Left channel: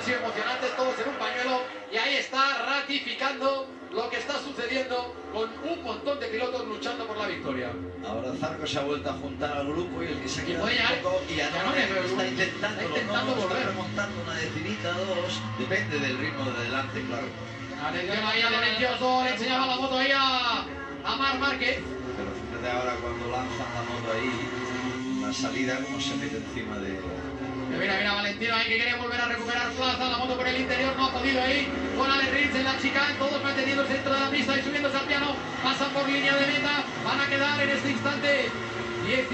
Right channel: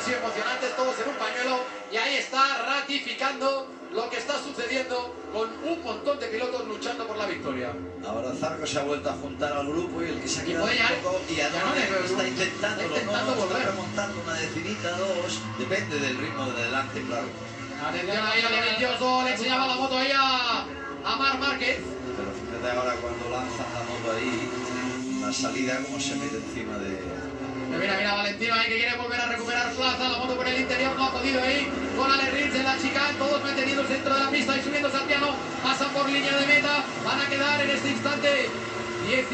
han sido emocionantes, todos en un pañuelo, y ahí está ratificando lo que está sucediendo con un montón de pilotos luchando por la victoria. Ahora Zarco se ha vuelto a juntar al grupo y el que se ha quedado un poco, y está intentando volver. Está remontando una decidita, dos, depende del ritmo de adelante, claro. Atención ahí a Dovizioso, le enseñaba la moto ahí a Marc Márquez. Pero fíjate ahora cuando lanzan la moto ahí, la salida como se mete encima de... Mira, Valentino ahí que quiere volver a recuperar plaza, la moto por el interior, no ha podido ahí, con Ale Rins en la chicane, todos manteniéndose dentro de la pista y subiéndose al piano, pasan por línea de meta, van a quedar en este instante 10